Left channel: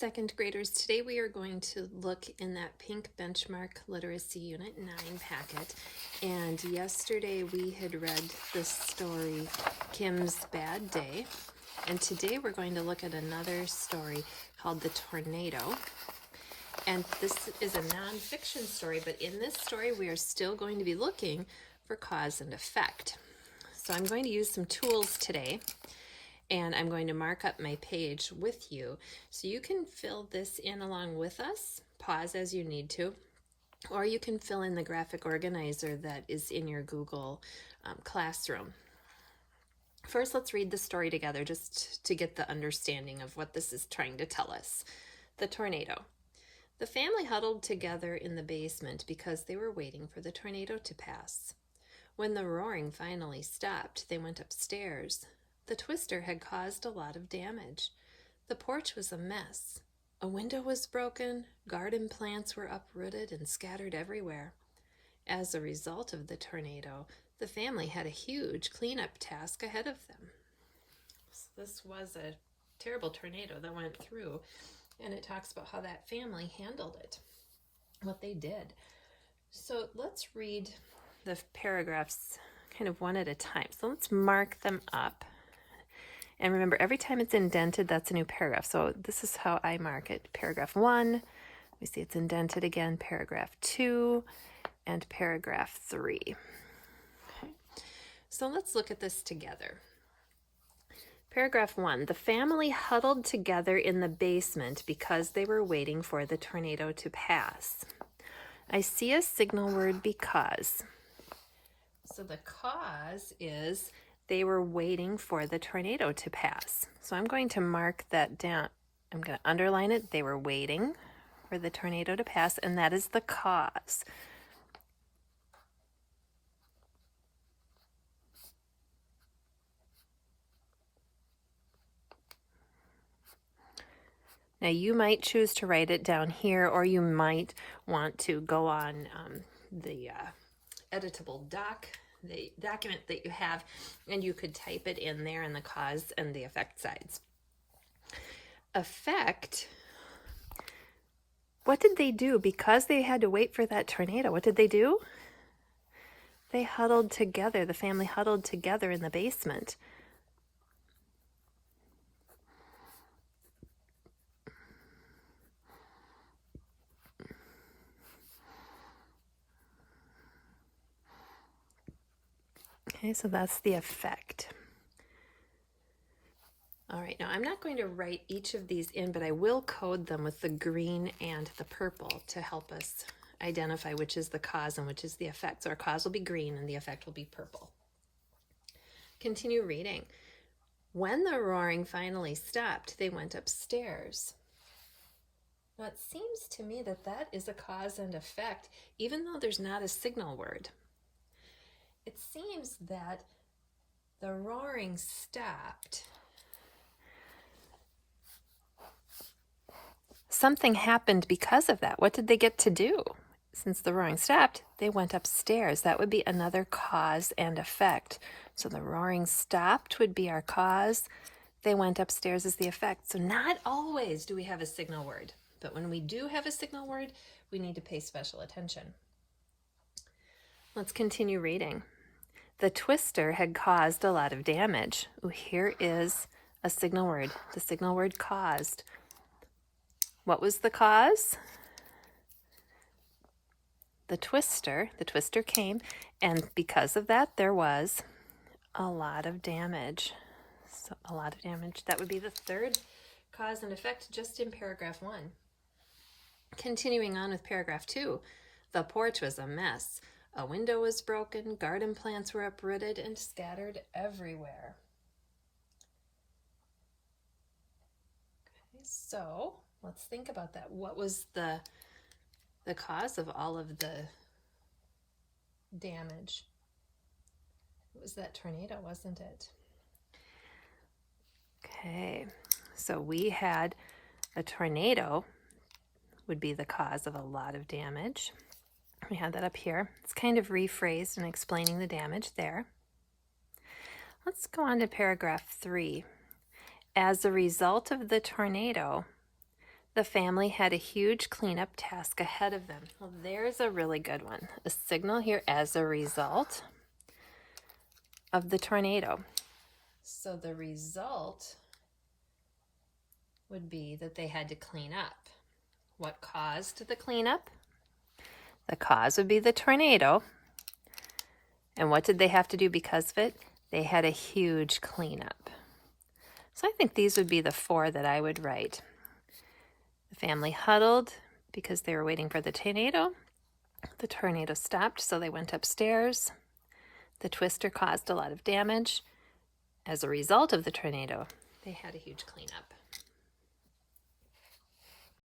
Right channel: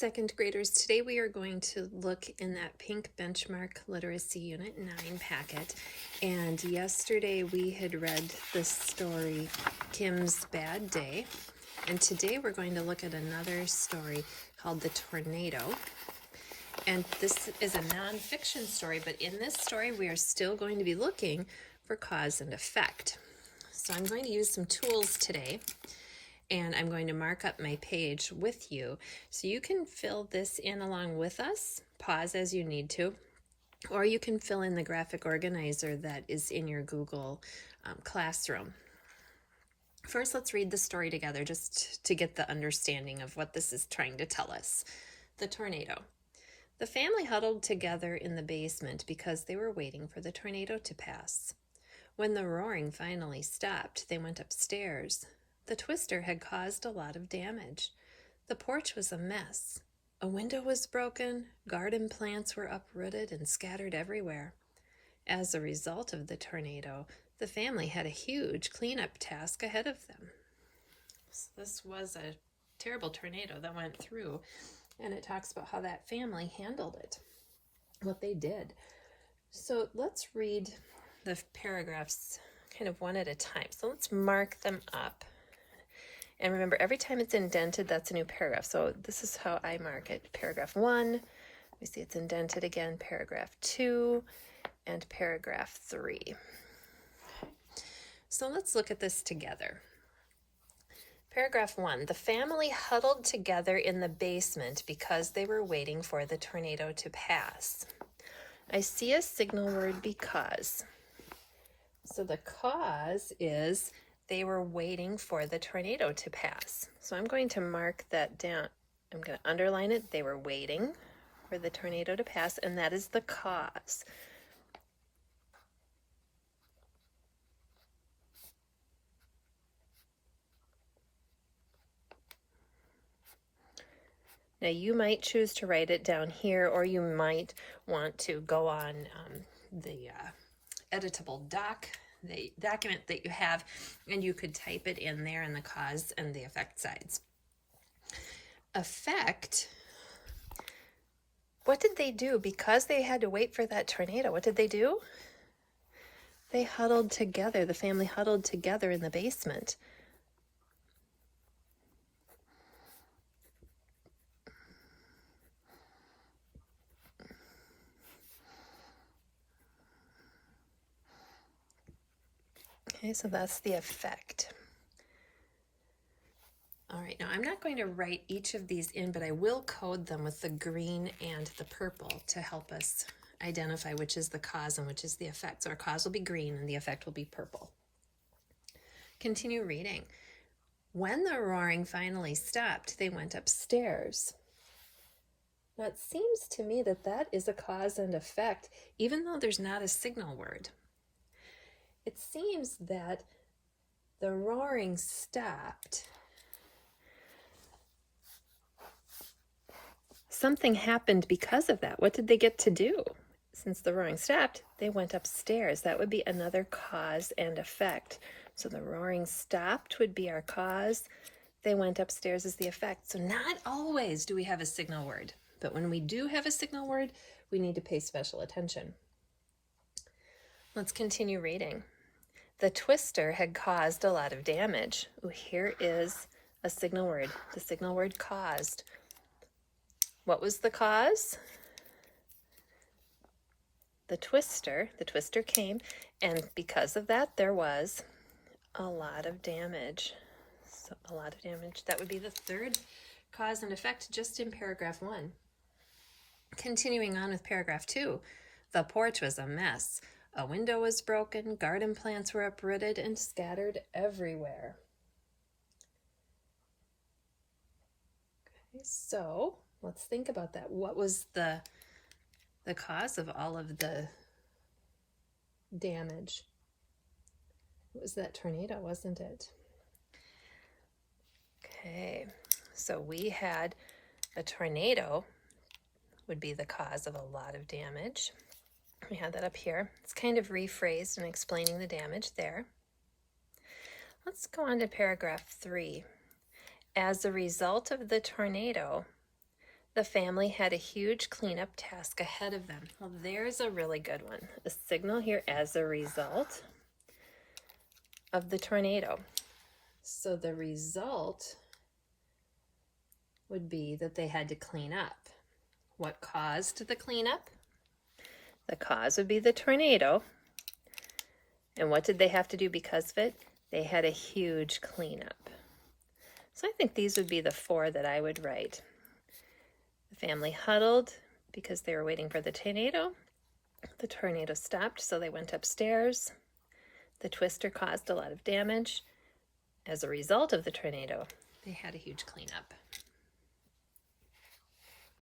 Second graders, today we are going to look in that pink benchmark literacy unit 9 packet. And yesterday we had read the story Kim's Bad Day. And today we're going to look at another story called The Tornado. And this is a nonfiction story, but in this story we are still going to be looking for cause and effect. So I'm going to use some tools today. And I'm going to mark up my page with you so you can fill this in along with us, pause as you need to, or you can fill in the graphic organizer that is in your Google Classroom. First, let's read the story together just to get the understanding of what this is trying to tell us. The tornado. The family huddled together in the basement because they were waiting for the tornado to pass. When the roaring finally stopped, they went upstairs. The twister had caused a lot of damage. The porch was a mess. A window was broken, garden plants were uprooted and scattered everywhere. As a result of the tornado, the family had a huge cleanup task ahead of them. So this was a terrible tornado that went through, and it talks about how that family handled it, what they did. So let's read the paragraphs kind of one at a time. So let's mark them up. And remember, every time it's indented, that's a new paragraph. So this is how I mark it. Paragraph 1, we see it's indented again, paragraph 2, and paragraph 3. Okay. So let's look at this together. Paragraph 1, the family huddled together in the basement because they were waiting for the tornado to pass. I see a signal word because. So the cause is they were waiting for the tornado to pass. So I'm going to mark that down. I'm going to underline it. They were waiting for the tornado to pass, and that is the cause. Now you might choose to write it down here, or you might want to go on the editable the document that you have, and you could type it in there in the cause and the effect sides. Effect, what did they do? Because they had to wait for that tornado, what did they do? They huddled together, the family huddled together in the basement. Okay, so that's the effect. All right, now I'm not going to write each of these in, but I will code them with the green and the purple to help us identify which is the cause and which is the effect. So our cause will be green and the effect will be purple. Continue reading. When the roaring finally stopped, they went upstairs. Now it seems to me that that is a cause and effect, even though there's not a signal word. It seems that the roaring stopped. Something happened because of that. What did they get to do? Since the roaring stopped, they went upstairs. That would be another cause and effect. So the roaring stopped would be our cause. They went upstairs as the effect. So not always do we have a signal word, but when we do have a signal word, we need to pay special attention. Let's continue reading. The twister had caused a lot of damage. Oh, here is a signal word. The signal word caused. What was the cause? The twister came, and because of that, there was a lot of damage. So a lot of damage. That would be the third cause and effect just in paragraph 1. Continuing on with paragraph 2, the porch was a mess. A window was broken, garden plants were uprooted and scattered everywhere. Okay, so let's think about that. What was the cause of all of the damage? It was that tornado, wasn't it? Okay, so we had a tornado would be the cause of a lot of damage. We had that up here. It's kind of rephrased and explaining the damage there. Let's go on to paragraph 3. As a result of the tornado, The family had a huge cleanup task ahead of them. Well, there's a really good one. A signal here as a result of the tornado. So the result would be that they had to clean up. What caused the cleanup? The cause would be the tornado. And what did they have to do because of it? They had a huge cleanup. So I think these would be the 4 that I would write. The family huddled because they were waiting for the tornado. The tornado stopped, so they went upstairs. The twister caused a lot of damage. As a result of the tornado, they had a huge cleanup.